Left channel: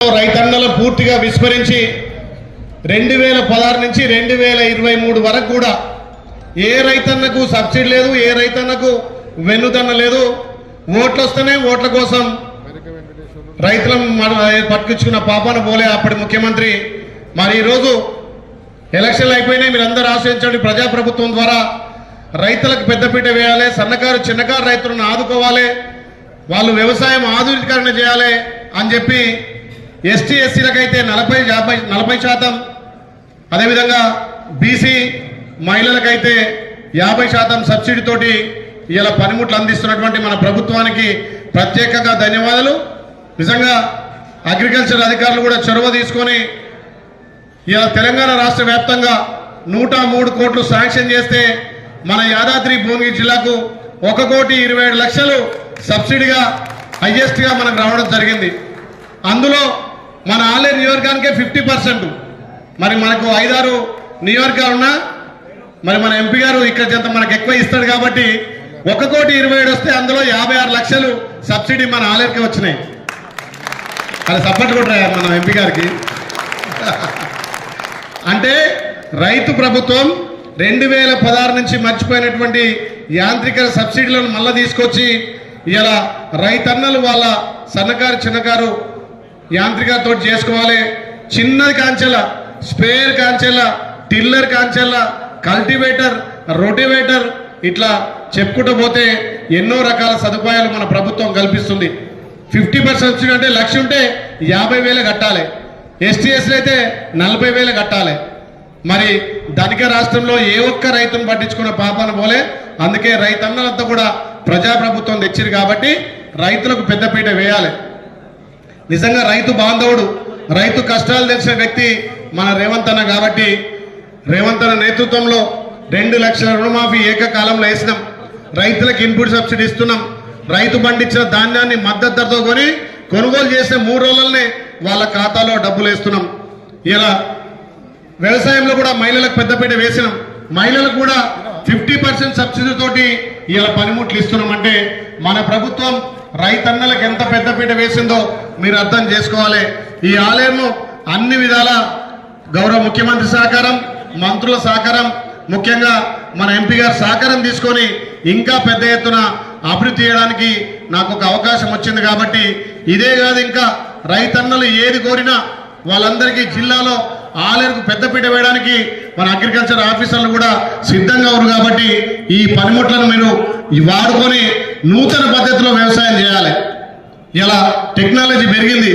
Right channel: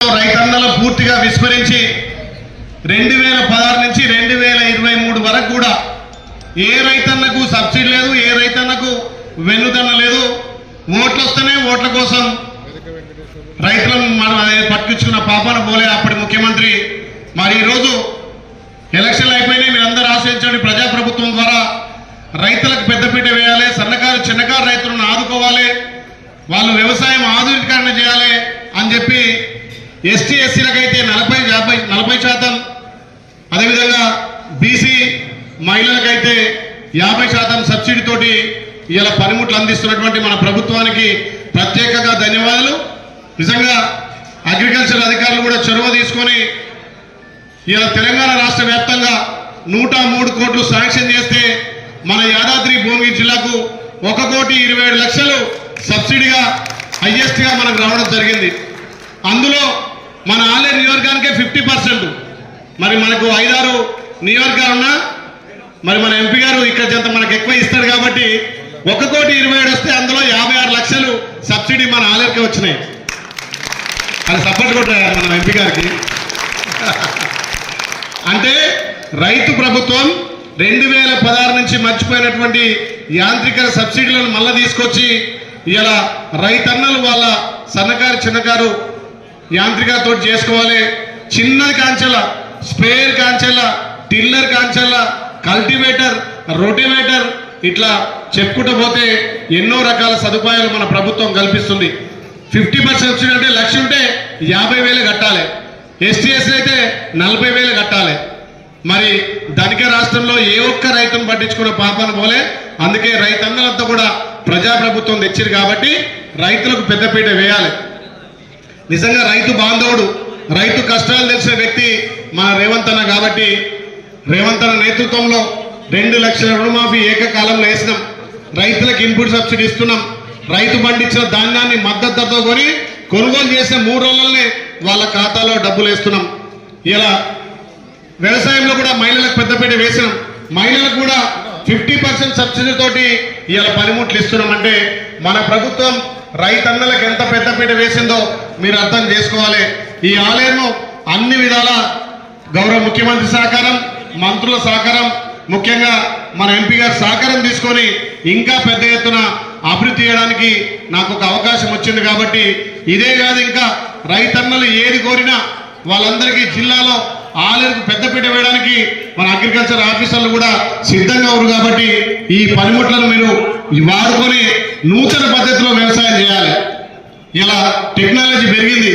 రైతన్నలు పూర్తిగా విస్మరించి 2016 నుంచి 2023 వరకు కూడా ఏ రైతన్నకు సబ్సిడీ లేదు, ఏ రైతన్నకు వెన్నుదన్న లేదు. ఓట్లు వస్తేనే ఓట్ల కోసం రైతులను పట్టుకున్న పాపాన పోలే అప్పటి ముఖ్యమంత్రి. మరి ఈరోజు ఎలక్షన్లు అయిపోయినాయి, మీరందరూ ఆశ్రయించండి. ప్రజాప్రభుత్వం ద్వారా రైతులకు పెద్దపీట వేయాలి, సన్నకారు చిన్నకారు రైతులను ఆదుకోవాలి, వాళ్ళు వ్యవసాయం ఆధునీకరణ చేయాలి అని చెప్పి ఎస్టీ ఎస్సీలకైతే 40% అదేవిధంగా బీసీ మహిళలకైతే 50% సబ్సిడీ తోటి ఇలా పనిముట్లు అందిస్తున్నటువంటి మన ప్రభుత్వానికి ప్రత్యేకంగా ధన్యవాదాలు. నిజంగా అగ్రికల్చర్ అధికారులు కూడా చొరవ తీసుకొని ఇలా తెలంగాణ రాష్ట్ర వ్యాప్తంగా 103 కోట్లు శాంక్షన్ చేస్తే మన యాదాద్రి భువనగిరి జిల్లాకు 1,27,00,000 సబ్సిడీగా హైయెస్ట్ గా మనకు రావడం జరిగింది. అందులో మన ఆలేరు నియోజకవర్గానికే 50%. మరి మనకు 5-6 నియోజకవర్గాలున్నా మరి మన ఎంపీ గారు ఇక్కడ చెంత మనకు ఎక్కువ ఇస్తాడు కాబట్టి 1,27,00,000 వస్తే అందులో 56,00,000 సబ్సిడీ మన ఆలేరుకి వచ్చినాయి. అది సపోర్ట్ కూడా మన ఎంపీ గారికి. అంటే రైతు ప్రభుత్వం 2016 నుంచి మర్చిపోయినటువంటి యాంత్రిక సబ్సిడీలను మళ్ళా తీసుకొచ్చి ఇలా రైతన్నలు వాళ్ళ సన్నకారు చిన్నకారు యాంత్రికతో చేసుకోవాలి. చిన్నది కాంచెల, స్ప్రేయర్ కాంచెల, టిల్లర్ కాంచెల, కల్టివేటర్, రోటివేటర్, ఇట్లా చెప్పుకుంటూ పోతే ఎన్నో రకాల సదుపాయాలు మన ప్రభుత్వం కల్పిస్తుంది. 50% సబ్సిడీ అంటే 1,00,000 ఉంటే 50,000 కట్టాలి, ఎస్టీఎస్సీ అయితే 40,000 కట్టాలి. మరి ధనిక రాష్ట్రంలో ఏ ఒక్క రైతును పట్టించుకున్న పాపాన పోలే. అందుకే రైతన్నలంతా కూడా ప్రజాప్రభుత్వం తెచ్చారు కాబట్టి రైతులకు పెద్దపీట వేయాలి. నిజంగా రైతు బాంధవుడు, రైతు కష్టాలు తెలిసిన వ్యక్తి మన రేవంత్ అన్న కాబట్టి రేవంత్ అన్న నేతృత్వంలో 2 లక్షల రుణమాఫీ ఏకకాలంలో వేసినాం. రైతులకు ఇన్పుట్ సబ్సిడీ ఇస్తున్నాం. రైతు పండించిన ధాన్యాన్ని మద్దతు ధరతో కొని కొనుగోలు చేసే 3 రోజులనే వాళ్ళ ఖాతాలో డబ్బులు వేస్తున్నాం. ఇలా వ్యవసాయంలో కూడా మహిళలకు పెద్దపీట వేసినాం. మహిళలకు కూడా 50% సబ్సిడీ తోటి ఇలా పనిముట్లు ఇస్తున్నాం. అంటే మన ప్రభుత్వం రైతన్నలకు ఎంత పెద్దపీట వేసిందో మీరు అర్థం చేసుకోవాలి. ఈ ఆలయంలో అన్ని విధాల గౌరవ ముఖ్యమంత్రి సహకారం, మంత్రుల సహకారం, ముఖ్యంగా మన ఎంపీ గారు సహకారం తీసుకొని ఇంకా పెద్ద ఎత్తున అభివృద్ధి చేయడానికి నాకు ఒక అవకాశం వచ్చింది. కాబట్టి ఇదే కాదు, ఇంకా రైతన్నలు ఏది కోరినా వాళ్ళందరికీ జిల్లాలో ఆలయంకు పెద్దపీట వేయడానికి మన అగ్రికల్చర్ ఆఫీసర్లు కూడా సిద్ధంగా ఉన్నారు. కాబట్టి ఈ పనిముట్లను మీరు వాడుకొని నూతన పద్ధతిలో వ్యవసాయం చేయాలి. ఇలా టెక్నాలజీ పెరిగింది.